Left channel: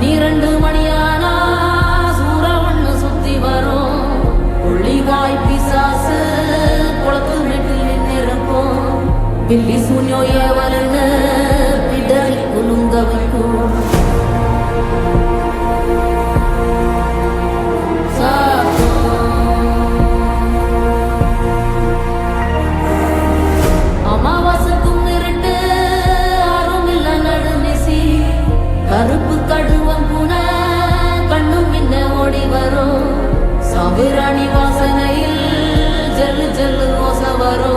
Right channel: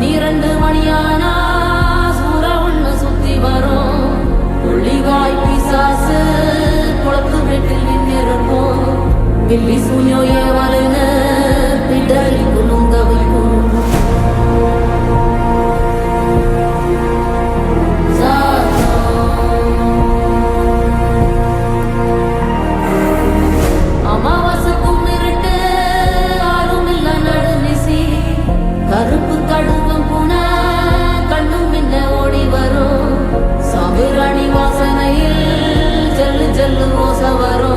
12 மணியானா சூற ஒண்ணு சுத்தி வரும். புள்ளிவாய் பிசாசு குளத்து வீட்டில் நின்னிருக்கும். பில்லி சூன்யோ ஏவலுன்னு பிடரி குலுங்க வைக்கும். அமாவாசைக்கும் இருட்டு ஆறும் இல்ல நடுநிசி. கருப்பு கடுவம் பூன கண்ணும் மின்ன ஓடி வரும். சாம்பிராணி வாசனையில் ஜல்லு ஜல்லு ஓசை வரும்.